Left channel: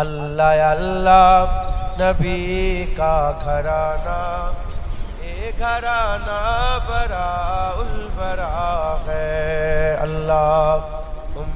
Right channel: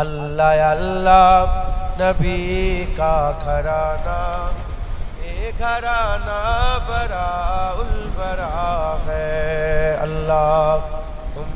اللہ اللہ نبی کا گھرانہ، یہ گھرانہ براء البراء ہے۔ اللہم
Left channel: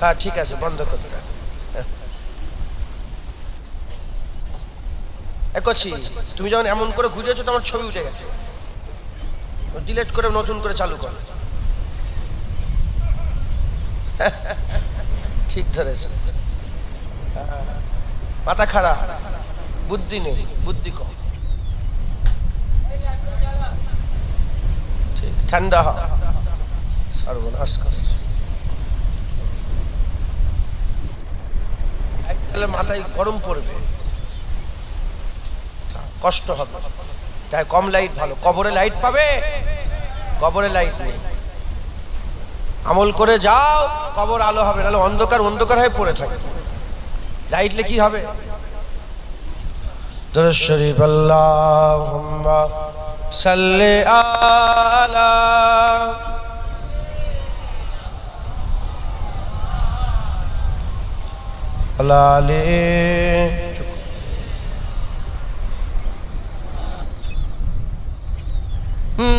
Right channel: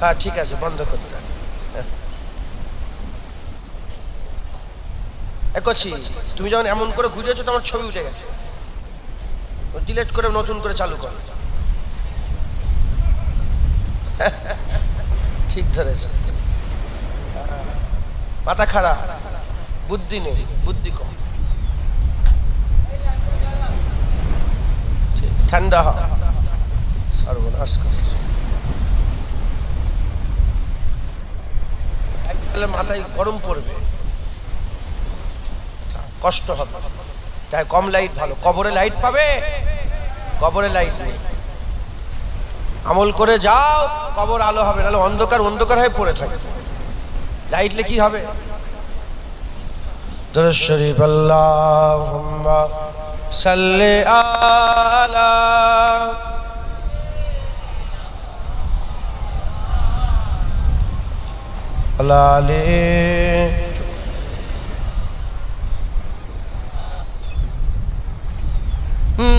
হ্যাঁ ঠিক আছে, বন্ধ করতে করছি। তুমি যখন এমন করে ঘুরেছো তো আমার ছবি উঠে গেছে, ডিলিট করে নতুন করে চালু করো। ঠিক ধরেছে, মাথা খারাপ, বুদ্ধি নেই, বুদ্ধি কম। ঠান্ডা হ, সর্বনাশ করছে। মাথায় গরম পড়বে, কষ্ট হবে, তাই কম লাইট ভালো। কবরে লাইট পাবে, কবরে লাইট নেই। আমল করে যাও, কবর আলো হবে, নাহলে অন্ধকার অন্ধকার হয়ে পড়ে থাকে। লাইটলে কি হবে? দুরূদ শরীফ। আল্লাহুম্মা সাল্লি আলা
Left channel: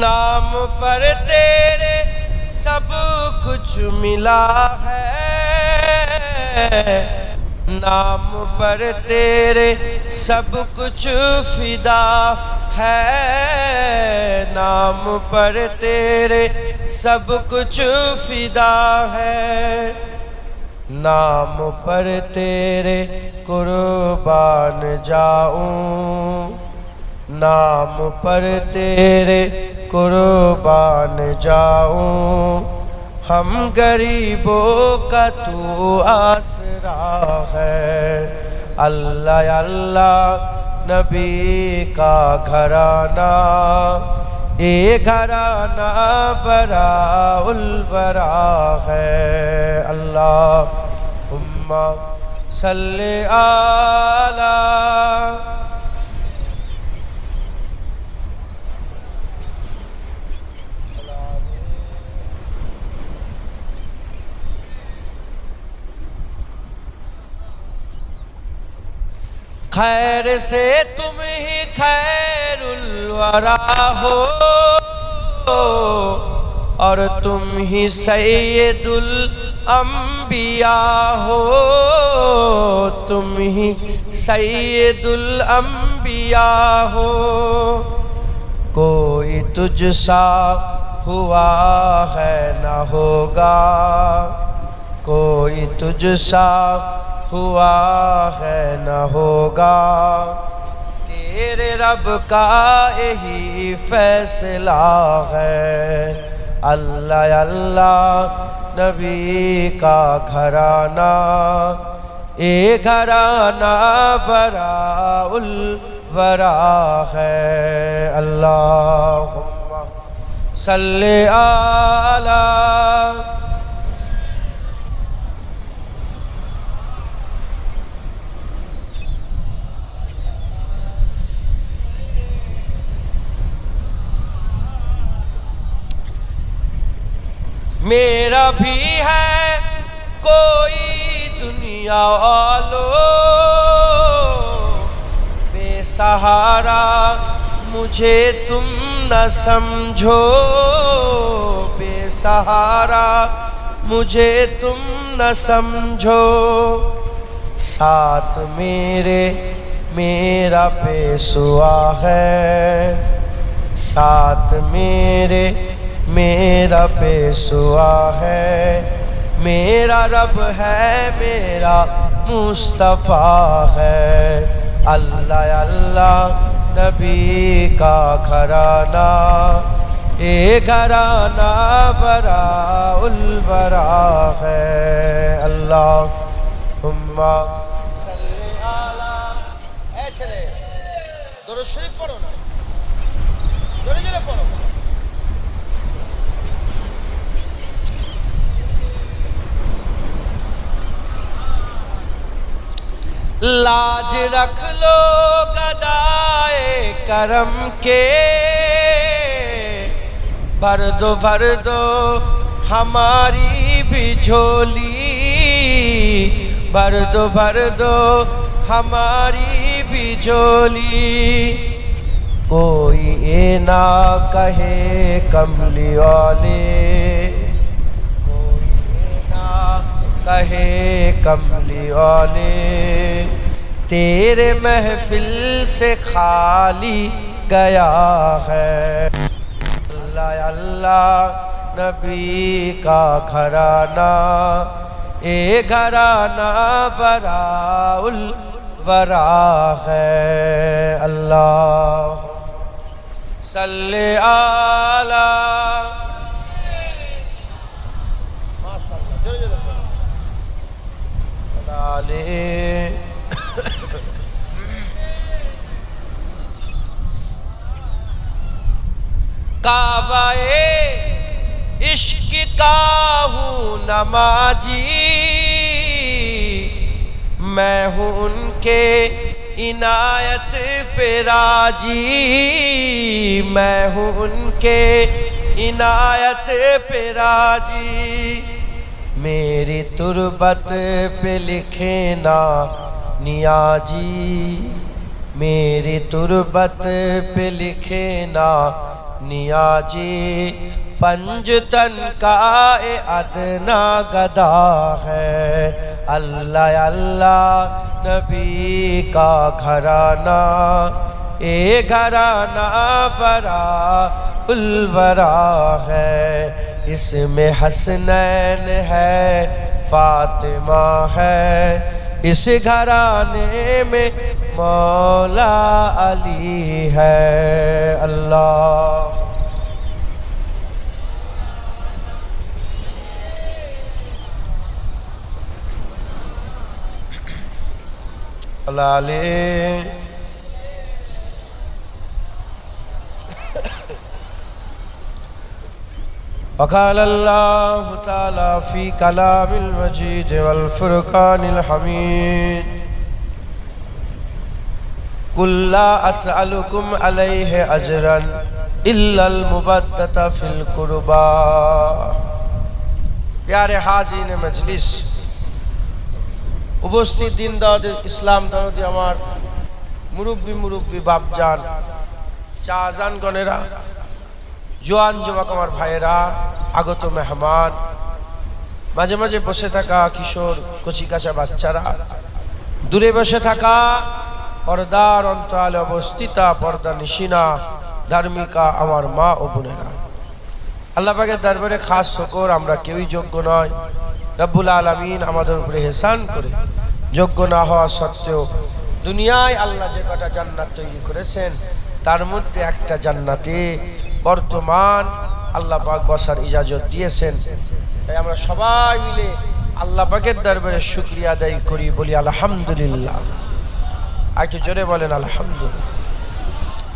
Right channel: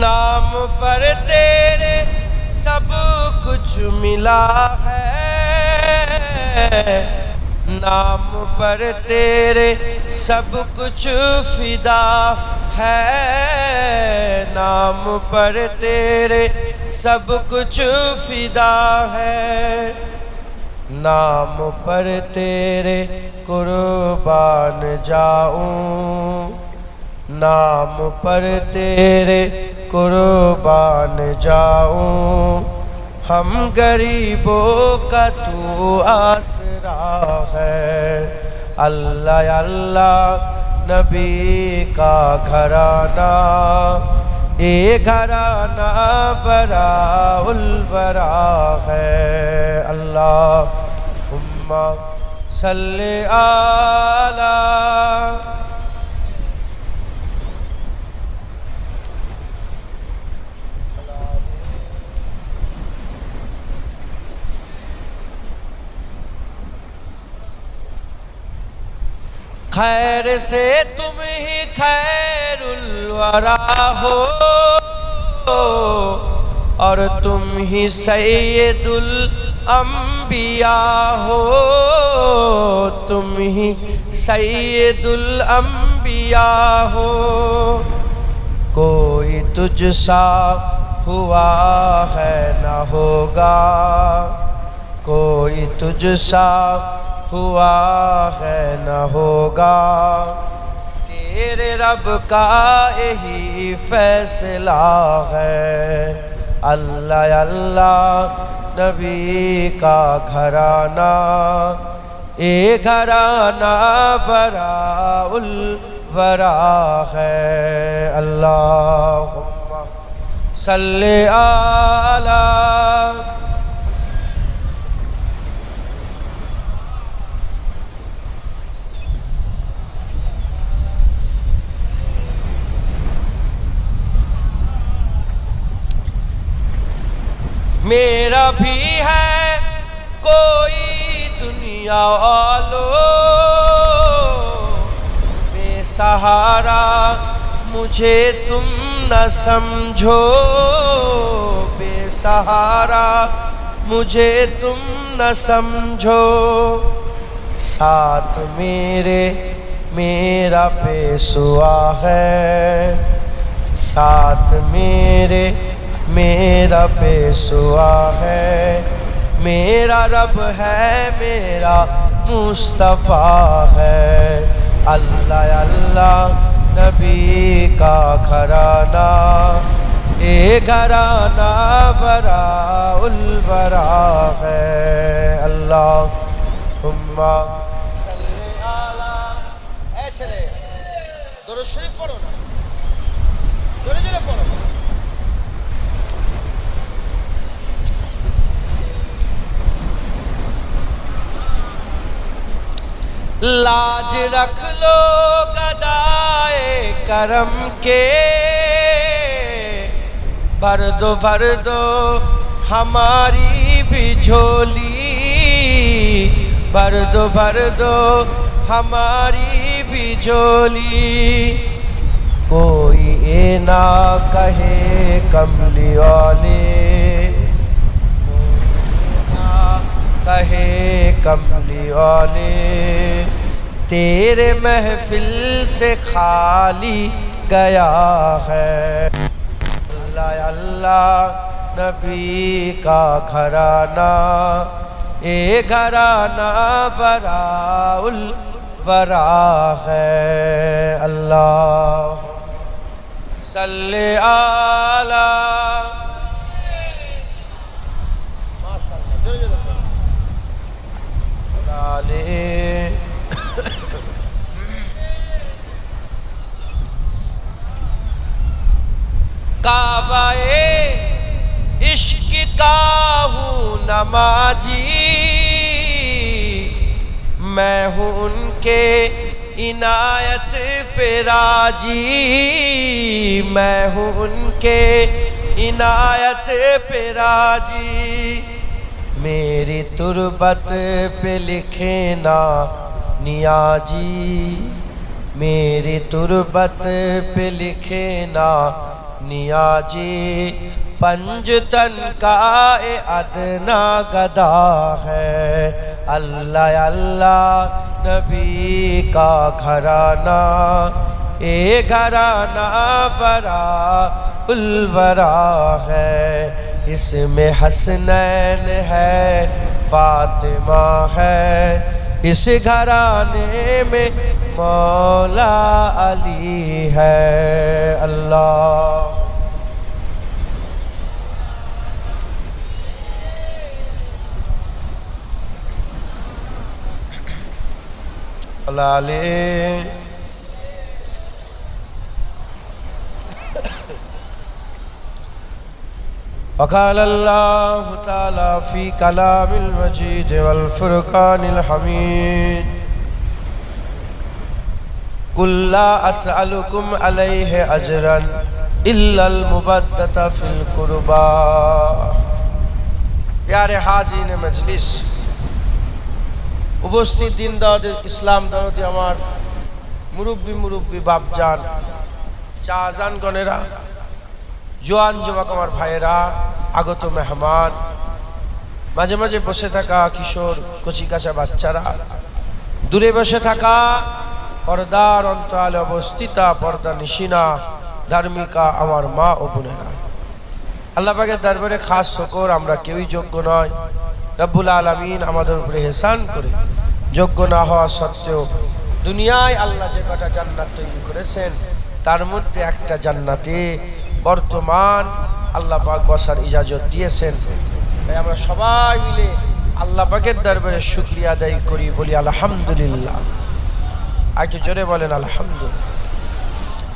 نام پر تیرے سب کچھ ملا ہے، نام پر تیرے سب کچھ فدا ہے، نام پر تیرے سب کچھ فدا ہے، نام پر تیرے قربان جاؤں، نام پر تیرے قربان جاؤں، ہم غریبوں کا تو آسرا ہے۔ اللہ اللہ نبی کا گھرانہ، یہ گھرانہ براء البراء ہے۔ اللہم صلی علی خیر سے تم ہی خیر الورا ہو، اور تم ہی سید الانبیاء ہو، تم ہی سید الانبیاء ہو، کوئی تجھ سا ہوا ہے نہ ہوگا، کوئی تجھ سا ہوا ہے نہ ہوگا، تیرے رب کا یہی فیصلہ ہے۔ اللہ اللہ نبی کا گھرانہ، یہ گھرانہ براء البراء ہے۔ اللہم صلی علی میرا بھی ہے کوئی دنیا والو، بے سہارا مجھے تم نہ سمجھو، بے سہارا مجھے تم نہ سمجھو، ساتھ میرے میرا پیشوا ہے، ساتھ میرے میرا پیشوا ہے، میرا رب ہے، میرا مصطفیٰ ہے۔ اللہ اللہ نبی کا گھرانہ، اے گھرانہ براء البراء ہے اللہم صلی علی اے چلے درود شریف پڑھو نا جوڑے جوڑے پڑھو لاج رکھ لو گدائے کرم کے بھر دو ہماری بھی جھولی بھر دو ہماری بھی جھولی کوئی اے نہ کہے کملی والے کہے کملی والے تیرے محفل سے خالی گیا ہے اللہ اللہ نبی کا گھرانہ اے گھرانہ براء الوراء ہے اللہ صلی علی کعبہ عشق کا ہوں نمازی میں ہوں ان کے عنایت پہ راضی میں ہوں ان کے عنایت پہ راضی میری تربت پہ لکھے نا نیازی میری تربت پہ لکھے نا نیازی پنجتن کا ادنا گدا ہے اللہ اللہ نبی کا گھرانہ اے گھرانہ براء الوراء ہے اس میں حسنین ہے فاطمہ ہے اس گھرانے میں مولا علی ہے اللہ اللہ علیہ وقال اللہ تعالی فی کلام المجید والفرقان الحمید قل لا اسألکم علیہ اجرا الا المبدۃ فی القربى پیارے حاضرین مجلس উপস্থিত দিন দাওয়াত ইসলাম দাওয়াতি আমার মুরব্বি বাপজান চা আজান গণেরা জোয়ান যুবক আমার ভাইয়েরা আগত মেহমান মাঝে মাঝে বসে থাকা কিশোর কচি কাঁচা বাচ্চারা দূরে বসে থাকা পর্দার অন্তরালে অবস্থিতা পর্দা নিশিনা ধার্মিকা আমার মা ও বোনেরা আল্লাহ পাকের দরবারে খাস শুকর আমরা কেউই যোগ্য নয় রব্বুল আলামিন আমাদের উপরে ইহসান করে যোগ্য না হওয়া সত্ত্বেও দুনিয়ায় আল্লাহ যে কটা জান্নাত তৈরি করেছেন তার মধ্যে একটা জান্নাতে বর্তমান আল্লাহ পাক বসার ইজাজত দিয়েছেন তাই আমরা সবাই মিলে আল্লাহ পাকের দরবারে শুকরিয়া আদায় করি বলি আলহামদুলিল্লাহ একটু জোরে বলেন আলহামদুলিল্লাহ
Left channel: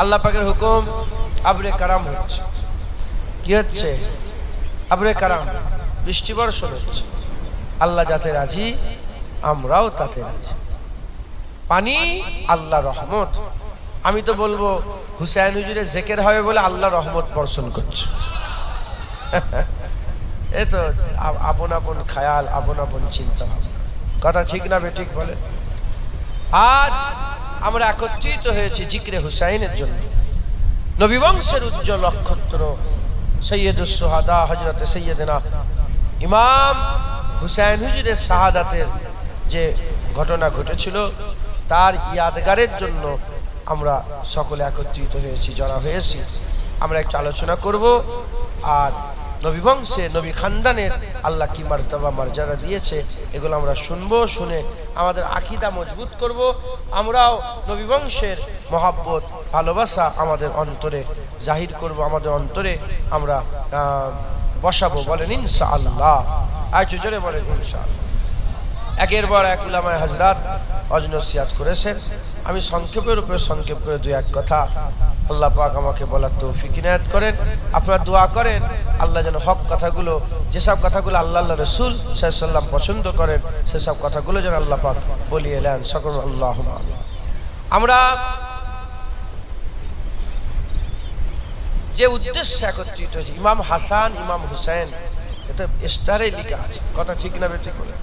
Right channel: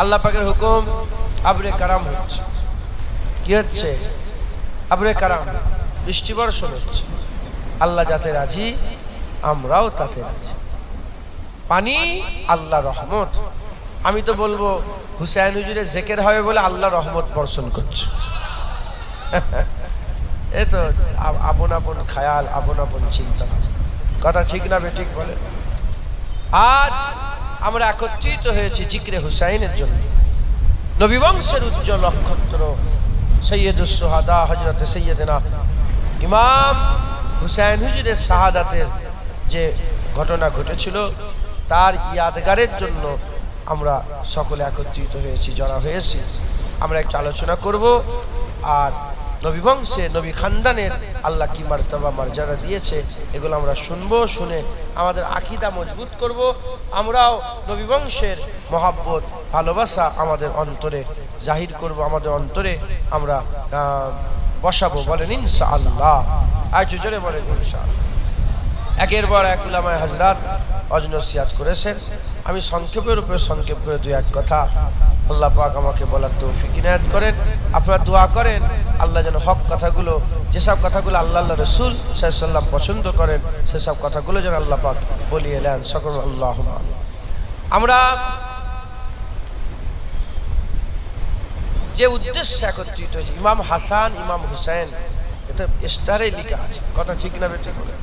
আল্লাহ পাকের হুকুম আবরে কারাম হচ্ছে কি হচ্ছে আবরে কারাম বৃষ্টি বর্ষণ হচ্ছে আল্লাহ যাতে রাজি আমরাও তাতে রাজি পানি আল্লাহ রহমত আমি তো বলবো হুসাইন হুজুরের জিকির হবে বলে আল্লাহ রহমত বর্ষণ করছে এই তো আপন আপন খেয়াল আপন আপন চিন্তা কথা ঠিক না বেঠিক বলে আজ আমরা একত্রিত হয়েছি জিকিরে হুসাইনের জন্য নবী বংশের উজ্জ্বল নক্ষত্র সৈয়দুস শুহাদা হযরত সৈয়দনা ইমাম হুসাইন হুজুরের শাহাদাতের যে ঘটনা ঘটেছিল তার ইয়াদগারের জন্য আমরা সকলে একত্রিত হয়েছি জড়া হয়েছি আমরা একটু আলোচনা করব আর নবী বংশে নবী খানদানের আল্লাহ কি মারতাবা মর্যাদা দিয়েছে এগুলো আমরা শুনবো শুনে আমাদের আকীদা মজবুত করব আমরাও নবী বংশের মহব্বত ভালোবাসা আমাদের অন্তরে জাহির করব, আমাদের অন্তরে আমরা বসাবো। বলেন ইনশাআল্লাহ। আজ জোরে বলেন ইনশাআল্লাহ। একের পর এক উলামায়ে হাজরাত অজনসিয়াত করেছেন। আমি সংক্ষেপের উপরে সংক্ষেপ করে দুই এক কথা আল্লাহ পাক আমাকে বলার তৌফিক ইনায়াত করেন। আপনারা দোয়া করেন আল্লাহ যেন হক কথাগুলো, যেসব কথাগুলো আল্লাহ রাসূল সাল্লাল্লাহু আলাইহি ওয়াসাল্লাম পছন্দ করেন সেসব কথাগুলো যেন আল্লাহ পাক বলিয়ে এলেন। সকল আল্লাহুম্মা আমিন। আমরা যে উদ্দেশ্যে একত্রিত হয়েছি, ইমাম হাসান ইমাম হুসাইন, এটা স্টারে লেখা আছে, কথা ঠিক না বেঠিক বলে।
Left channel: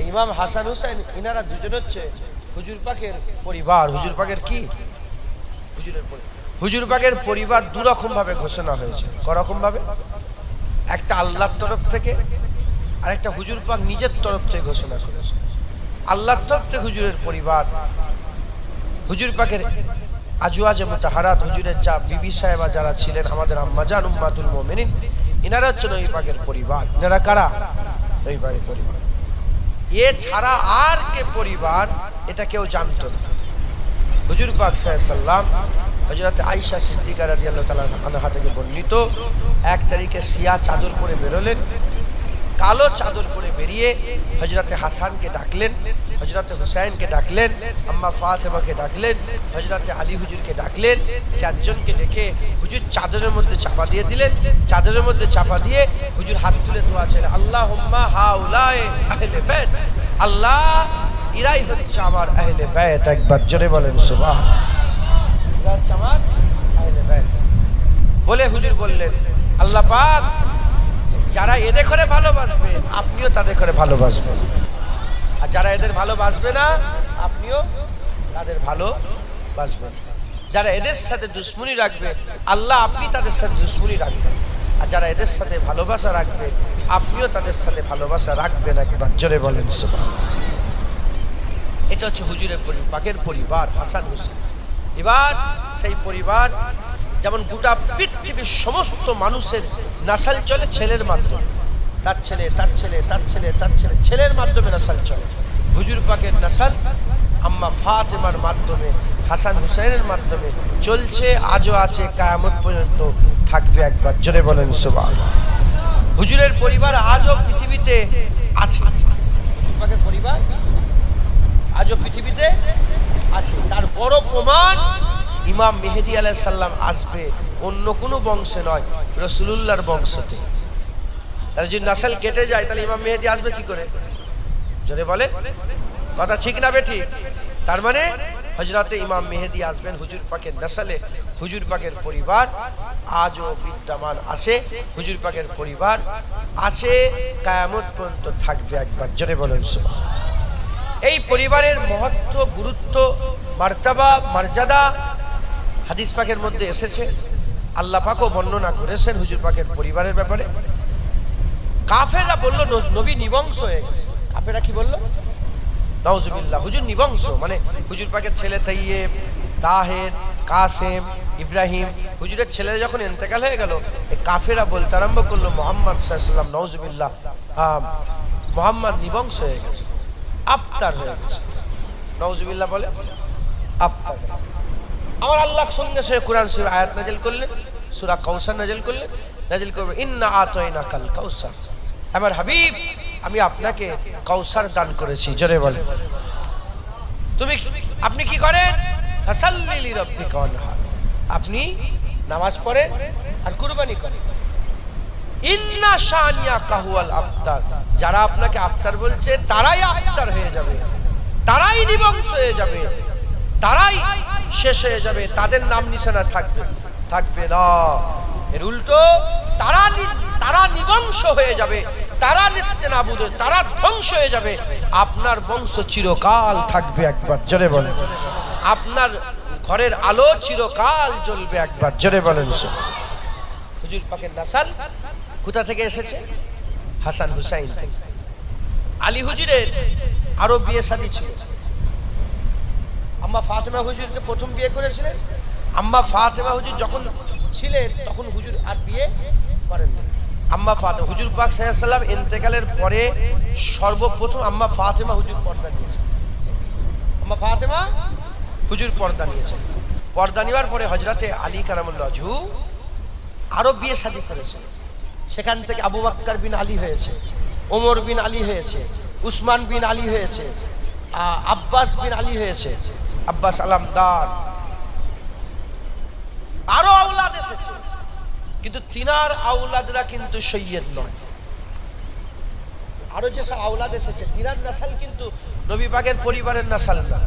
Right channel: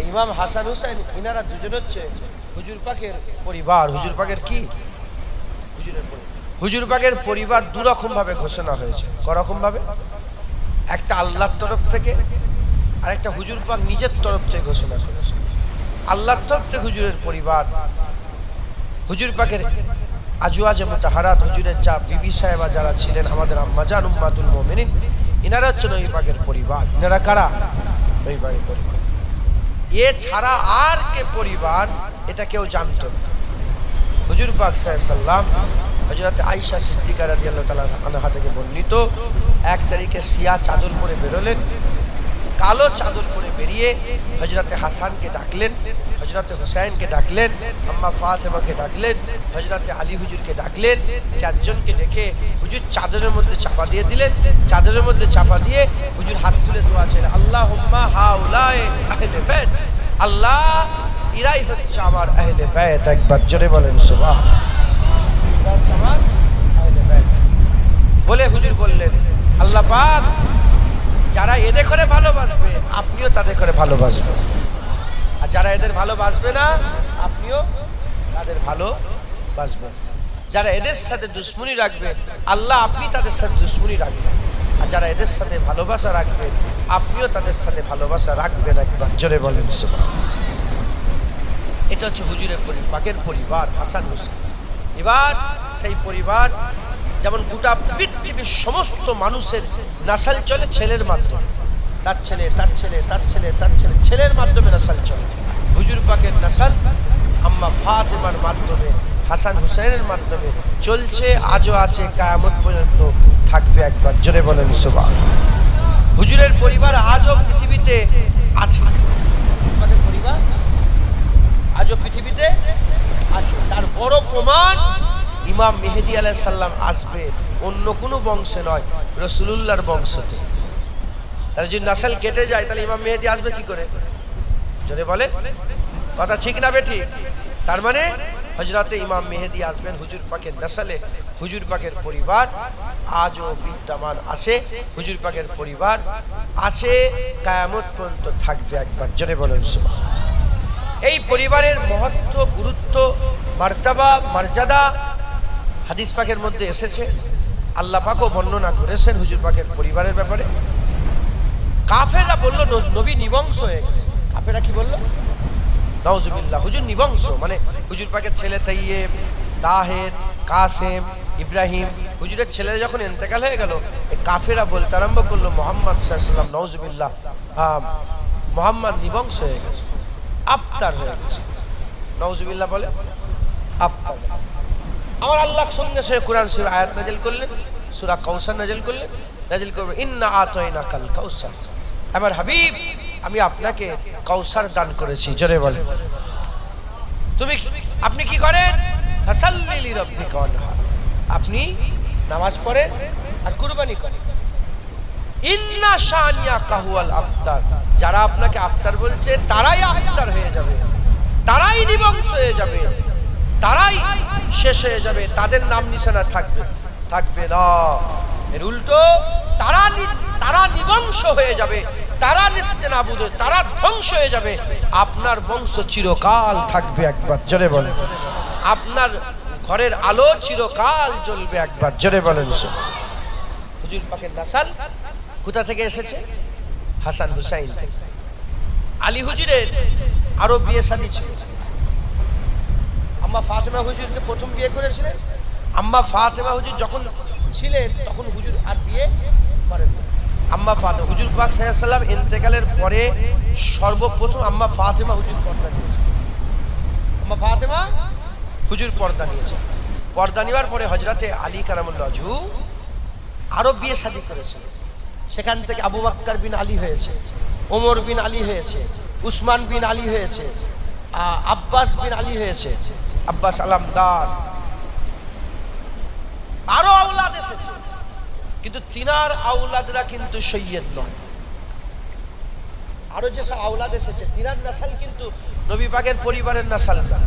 এই ইমাম হাসান হুসাইন ইনারা দুজন হচ্ছে হুজুর পাকের পরিবার। হুজুর পাকের কি? হুজুরের পরিবার। হুজুর পাকের পরিবার দুরকম ভাবে ঘোষণা হয়েছে। করকম ভাবে? একটা আল্লাহর তরফ থেকে আর একটা হুজুর পাক নিজের তরফ থেকে ঘোষণা করেছে। আল্লাহর তরফ থেকে হুজুরের পরিবার, হুজুর পাকের আজওয়াজে মুতাহারাত, হুজুরের যা বিবি সাহেবা যারা ছিলেন আমাদের আম্মাজান উম্মাতুল মুমিনিন, ইনারা হচ্ছে নবী পাকের পরিবার। ইনারা কারা? নবী পাকের পরিবার। এ ছাড়া আর কে পরিবার এটা কেউ জানতো না। হুজুর পাক সাল্লাল্লাহু আলাইহি ওয়াসাল্লাম হযরত আয়েশা সিদ্দিকা রাদিয়াল্লাহু তাআলা আনহা থেকে বর্ণিত, এক তারিখে সিয়া চাদর পরে বেরোলেন। কালো চাদর পরে বেরিয়ে হযরতে হাসানকে ডাকলেন, হযরতে হুসাইনকে ডাকলেন, আম্মা ফাতেমাকে ডাকলেন, হযরতে আলী হুজুরকে ডাকলেন। চারজনকে ডেকে হুজুর চাদরের মধ্যে চাপা দিয়ে দিলেন। চাদরের মধ্যে চাপা দিয়ে হুজুর হাত তুলে দোয়া চাইলেন, আল্লাহুম্মা হাউলাই আহলে বাইত, আল্লাহ ইরাই হচ্ছে আমার আহলে বাইত। একবার জোরে বলেন সুবহানাল্লাহ। আমার আহলে বাইত বলে হুজুর বললেন, আল্লাহ পাক যারা এদের করে ভালোবাসবে আপনিও তাদের করে ভালোবাসবেন, আর যারা এদের ভালোবাসবে না আপনিও তাদের ভালোবাসবেন। যারা এদের সাথে দুশ্মনী রাখবে আল্লাহ আপনি তাদের সাথে দুশ্মনী রাখবেন, আর যারা এদের সাথে ভালোবাসা রাখবে আপনিও তাদের সাথে ভালোবাসা রাখবেন। একবার জোরে বলেন সুবহানাল্লাহ। এটা হচ্ছে হুজুরের পাকের পরিবার হাসান হুসাইন। এবার সেই পরিবার যেমন গোটা পৃথিবীর সমস্ত মানুষের নাসাল চলে ছেলের মাধ্যমে, তার ছেলে তার ছেলে তার ছেলে তার ছেলে, ছেলের মাধ্যমে নাসাল চলে। হুজুর পাকের নাসাল আম্মা ফাতেমার মাধ্যমে, হাসান হুসাইনের মাধ্যমে চলছে, আজও আছে, কিয়ামত পর্যন্ত থাকবে। একবার জোরে বলেন সুবহানাল্লাহ। হুজুরের পরিবার আজও পৃথিবীতে আছে। হুজুর পাকের পরিবার আজও পৃথিবীতে আছে। তার বড় প্রমাণ ইমাম মেহেদী আলাইহিস সালাম আসবে অন্য কোনো বংশে নয়, রাসূলুল্লাহর বংশতে। তার যদি নাসল কেটে যায় তাহলে ইমাম মেহেদী আসবে কি করে? জোরে বলে, কথা ঠিক না বেঠিক? তার মানে হযরতে ইমাম মেহেদী আসবেন হুজুর পাকের নাসলে। হুজুর পাকের পরিবার আজও বিদ্যমান আছে, হুজুর পাকের পরিবার আছে, কিয়ামত পর্যন্ত থাকবে। একবার জোরে বলেন সুবহানাল্লাহ। এই পরিবারের মহত্ব, গুরুত্ব, মার্তাবা, মর্যাদা হাদিস পাকের মধ্যে এসেছে। আল্লাহ পাকও বর্ণনা করেছেন হুজুর পাকের পরিবারের ব্যাপারে। কাফেররা বলল নবী নিবংশ হয়ে গেছে। কাফেররা কি বলল? নাউজুবিল্লাহ, হুজুর নিবংশ। মানে হুজুর পাকের ছেলে তাইয়েব, তাহের, কাসেম, ইব্রাহিম, হুজুরের ছেলেরা যখন ইন্তেকাল হয়ে গেল, এই কাফেররা বলতে আরম্ভ করলো মুহাম্মদ সাল্লাল্লাহু আলাইহি ওয়াসাল্লাম নাউজুবিল্লাহ, মুহাম্মদ নিবংশ হয়ে গেছে, আফতার হয়ে গেছে। নাউজুবিল্লাহ বলে আফতার। আমার আল্লাহ সঙ্গে সঙ্গে কোরআন শরীফ আয়াত নাযিল করলেন, সূরা কাউসার নাযিল করলেন, নাযিল করবে ইন্না আতাইনাকাল কাউসার, আমার হাবিব আমি আপনাকে কাউসার দান করেছি। জোরে বলে, আপনি কি করেন? ফাসাল্লি লিরাব্বিকা ওয়ানহার, আপনি নামাজ পড়েন আর কুরবানি করেন। ইন্না শানিয়াকা হুয়াল আফতার, যারা আপনাকে আফতার বলছে তারাই আফতার হয়ে যাবে, তারাই নিবংশ হয়ে যাবে, তারাই শেষ হয়ে যাবে, তাদের নাম নিশানা থাকবে না। এর উল্টো তারা নিবংশ হয়ে যাবে, তারা নিস্তেনাবুদ, তারা ধ্বংস হয়ে যাবে, আপনার বংশ চিরকাল থাকবে। একবার জোরে বলেন, আপনার ঘরের আলো চিরকাল জ্বলবে। একবার জোরে বলেন। হুজুর পাকের নাসাল কোথা থেকে এসেছে? হাসান হুসাইন থেকে। আলী হুজুরের আরো বিয়ে শাদী ছিল। আম্মা ফাতেমা হুজুরকে প্রথম বিয়ে করেছিলেন। আম্মা ফাতেমা হুজুর যখন ছিলেন তখন হুজুর আর বিয়ে করেননি। আম্মা ফাতেমা, হুজুর পাক সাল্লাল্লাহু আলাইহি ওয়াসাল্লাম ইন্তেকালের পরে সর্বপ্রথম আম্মা ফাতেমা হুজুর পর্দা নিয়েছেন। আম্মা ফাতেমা হুজুর পর্দা নিয়েছেন। পর্দা নেওয়ার পরে হযরতে আলী কারামুল্লাহ ওয়াজহু আরো বিয়ে শাদী করেছে। সেখান থেকে আবু বকর বিন আলী হয়েছে, ওমর বিন আলী হয়েছে, উসমান বিন আলী হয়েছে, আব্বাস বিন আলী হয়েছে, আব্বাস আলামদার, আরো আওলাদ এসেছে। কিন্তু তিনার আওলাদরা কিন্তু সৈয়দ নয়। আরো যেসব আওলাদ এসেছে তিনার নাসাল কিন্তু নবী পাকের পরিবারের নাসাল না,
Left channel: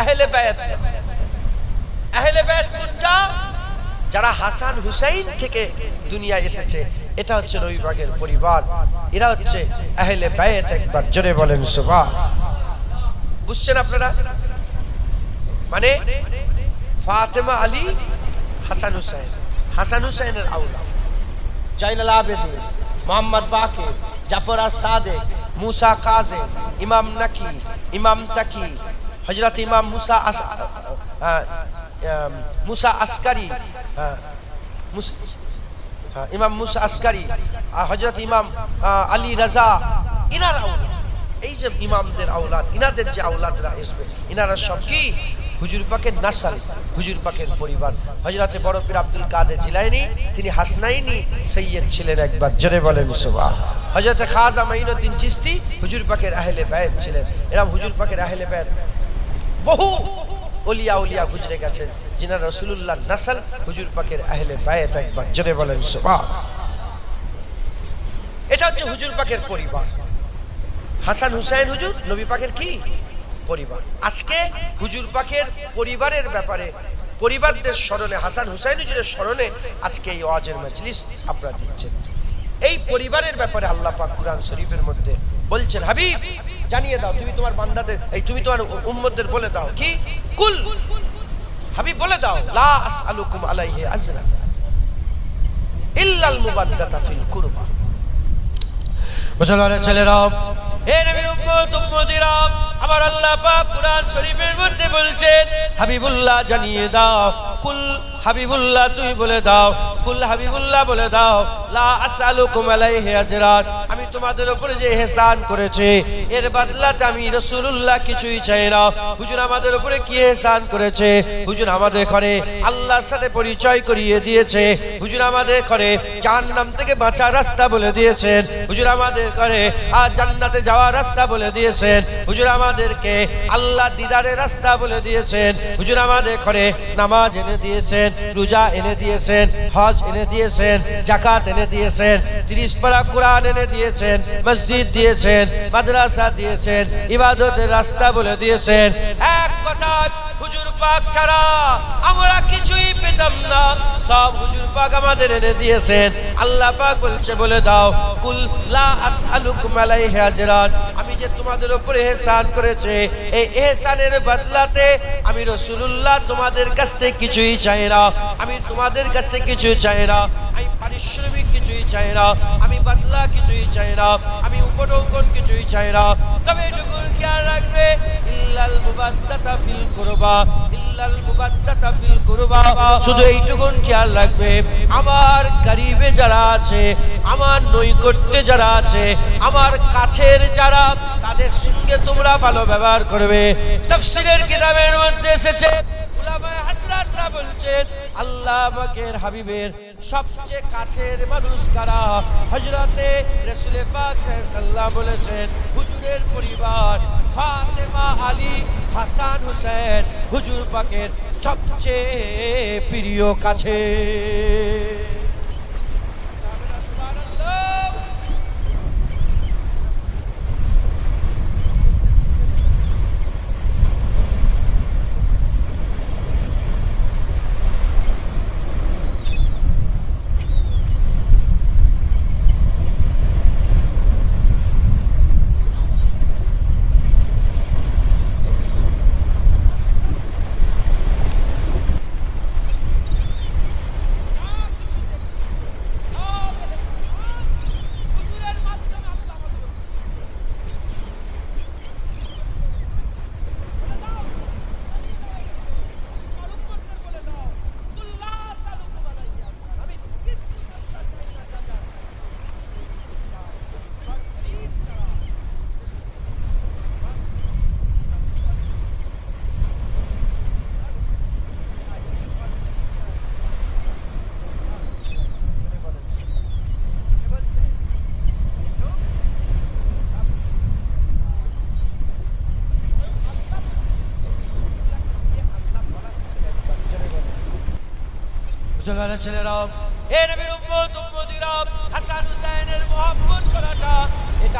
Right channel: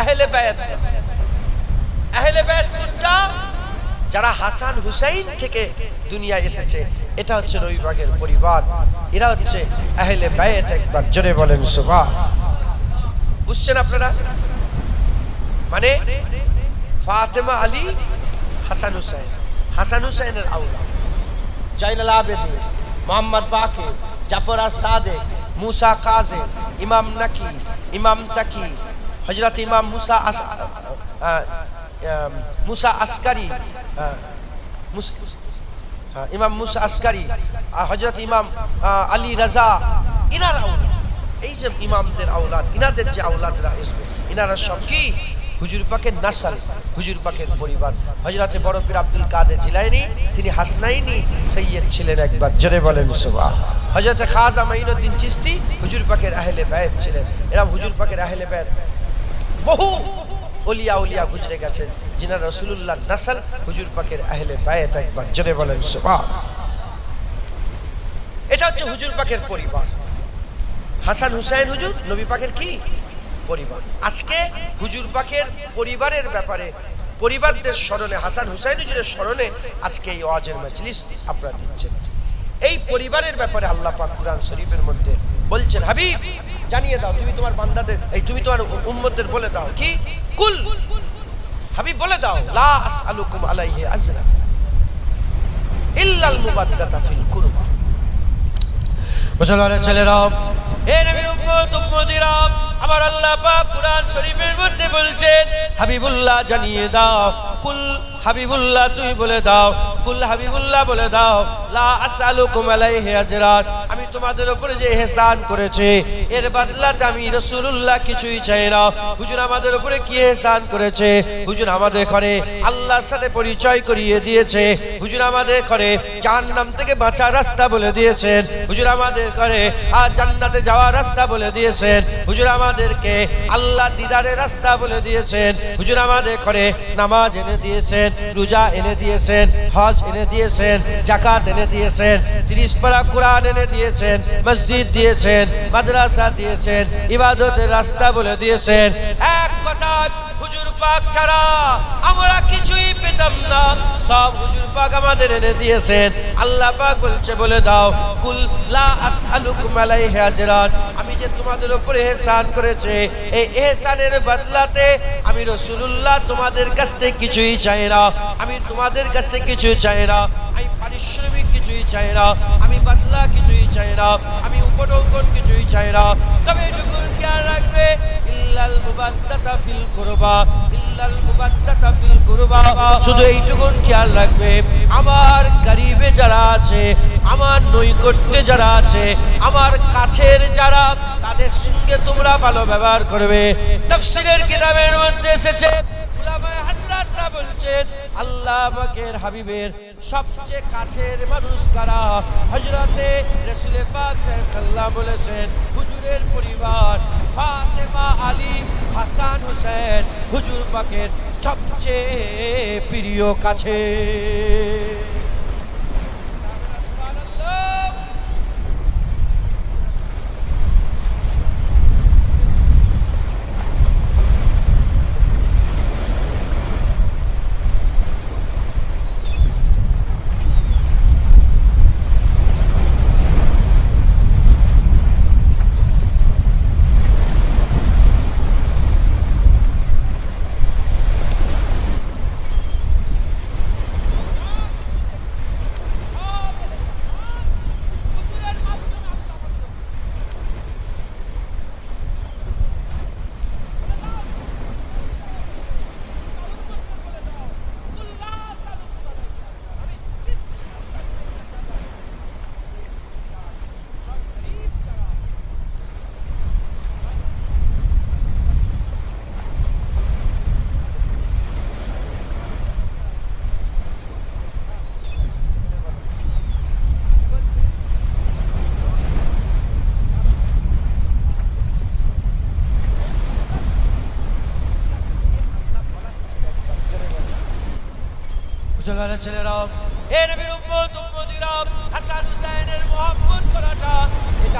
আহলে বায়াত। আহলে বায়াত কোনটা? যারা হাসান হুসাইন থেকে দুনিয়া এসেছে, এটা হচ্ছে নবী পাকের পরিবার, এরা হচ্ছে আহলে বায়াত। একবার জোরে বলেন সুবহান। বুঝছেন আপনারা? মানে ফাতেমা, আলী, হাসান হুসাইন, হাসান হুসাইনের আওলাদ, জাইনুল আবেদিন, মোহাম্মদ বাকির, জাফর আস-সাদিক, মুসা কাযিম, ইমাম নাকি, ইমাম তাকি, হযরত ইমাম মুসা আসকারি, ইমাম মুসা আসকারি, হযরত ইমাম আলী রাজা, ইনার আওলাদ। এই যে ইমামদের আওলাদ, ইনাদের যে আওলাদরা আসবে, ইনারা সব কি হুজুর পাকের নাসাল, হুজুর পাকের পরিবার। হযরতে বড় পীর আব্দুল কাদের জিলানী তিনি হাসনাইনি সৈয়দ ছিলেন। একবার জোরে বলেন সুবহান। হযরতে খাজা মাইনুদ্দিন চিশতি হুজুর পাকের আহলে বায়াত ছিলেন। এরা হুজুর পাকের আহলে বায়াত। বহু ওলিয়া উলিয়া গুজরে গেছেন যিনারা রাসূলুল্লাহ নাসাল, হুজুর পাকের আহলে বায়াত। একবার জোরে বলেন সুবহান। এটা হচ্ছে হুজুর পাকের পরিবার। হাসান হুসাইন হুজুর নবী পাকের কি পরিবার। আজকে হুজুর পাকের পরিবারের ব্যাপারে, পরিবারদের স্মরণে, হাসান হুসাইন হুজুরের স্মরণে আজকে এই ওয়াজের মজলিস আপনারা দিচ্ছেন। এই পরিবারের ব্যাপারে আল্লাহ পাক কুরআন শরীফের মধ্যে বলছেন, হাবিব জানিয়ে দাও, তুমি তোমার বান্দাদের, এই তুমি তোমার উম্মতদের বলে দাও, কি কুল, হাবিব বলে দাও, লা আসআলুকুম আলাইহি আজরা ইল্লাল মুবাদ্দাতা ফিল কুরবা। মুসলমানের ছেলেরা, হে নবীর উম্মত উম্মতিরা, আমার আল্লাহ পাক কুরআন শরীফের মধ্যে বলছেন, হাবিবুল্লাহ জানিয়ে দাও, কুল হাবিবুল্লাহ তুই বলে দাও, কুল হাবিবুল্লাহ বলে দাও, লা আসআলুকুম আলাইহি আজরান, আমি তোমাদের উপরে যে ইহসান করেছি এর বদলাতে আমি রাসূলুল্লাহ কিছুই চাই না। হুজুর আমাদের উপরে কি ইহসান করেছে? হুজুর আমাদের করে আল্লাহর সাথে পরিচয় করিয়ে দিয়েছে। হুজুর আমাদের করে জাহান্নাম থেকে বাঁচার রাস্তা বলে দিয়েছেন। হুজুর আমাদের করে জান্নাতে যাওয়ার রাস্তা বলে দিয়েছেন। হুজুর আমাদেরকে আল্লাহ দিদারের রাস্তা বলে দিয়েছেন। হুজুর আমাদের করে নামাজ এনে দিয়েছেন, রোজা এনে দিয়েছেন, হজ এনে দিয়েছেন, যাকাত এনে দিয়েছেন, 30 পারা কোরআন এনে দিয়েছেন, মসজিদ দিয়েছেন, মাদ্রাসা দিয়েছেন, ইবাদতের রাস্তা বলে দিয়েছেন। এক কথা, হুজুর পাক ছাড়া আমরা কিছুই পেতাম না, সব হুজুর পাক আমাদের এনে দিয়েছেন। আল্লাহ পাক বলছে বলে দাও, কুল লা আসআলুকুম আলাইহি আজরান, আমি যে তোমাদের উপরে ইহসান করেছে এই ইহসানের বদলাতে আমি রাসূলুল্লাহ তোমাদের কাছ থেকে কিছুই চাই না। আমি তোমাদের কাছ থেকে কিছুই চাই না, আমি পারিশ্রমিক কিছুই চাই না, আমি বদলা কিছুই চাই না, আমি উপঢৌকন কিছুই চাই না। তবে এটুকু খেয়াল রাখবে, ইল্লাল মুবাদ্দাতা ফিল কুরবা, ইল্লাল মুবাদ্দাতা ফিল কুরবা, শুধু এইটুকু খেয়াল রাখবে, আমার করিবে যারা আছে, আমার নৈকট্যে যারা আছে, আমার কাছের যারা, তাদের সঙ্গে তোমরা ভালো ব্যবহার করবে। তাফসীরের কিতাবের মধ্যে এসেছে, উলামায়ে হযরতরা বলছেন আল্লাহ পাকের হাবিবের সবচেয়ে কাছের মানুষ কারা? হযরতে রাসূল পাক সাল্লাল্লাহু আলাইহি ওয়াসাল্লাম বলেছেন হুজুরের পরিবার, ফাতেমা, আলী, হাসান, হুসাইন হুজুর পাকের সবচেয়ে প্রিয় কাছে। মুসলমানের ছেলেরা, এ নবীর উম্মত উম্মতিরা, হাসান হুসাইনের মহব্বত করাটা এটা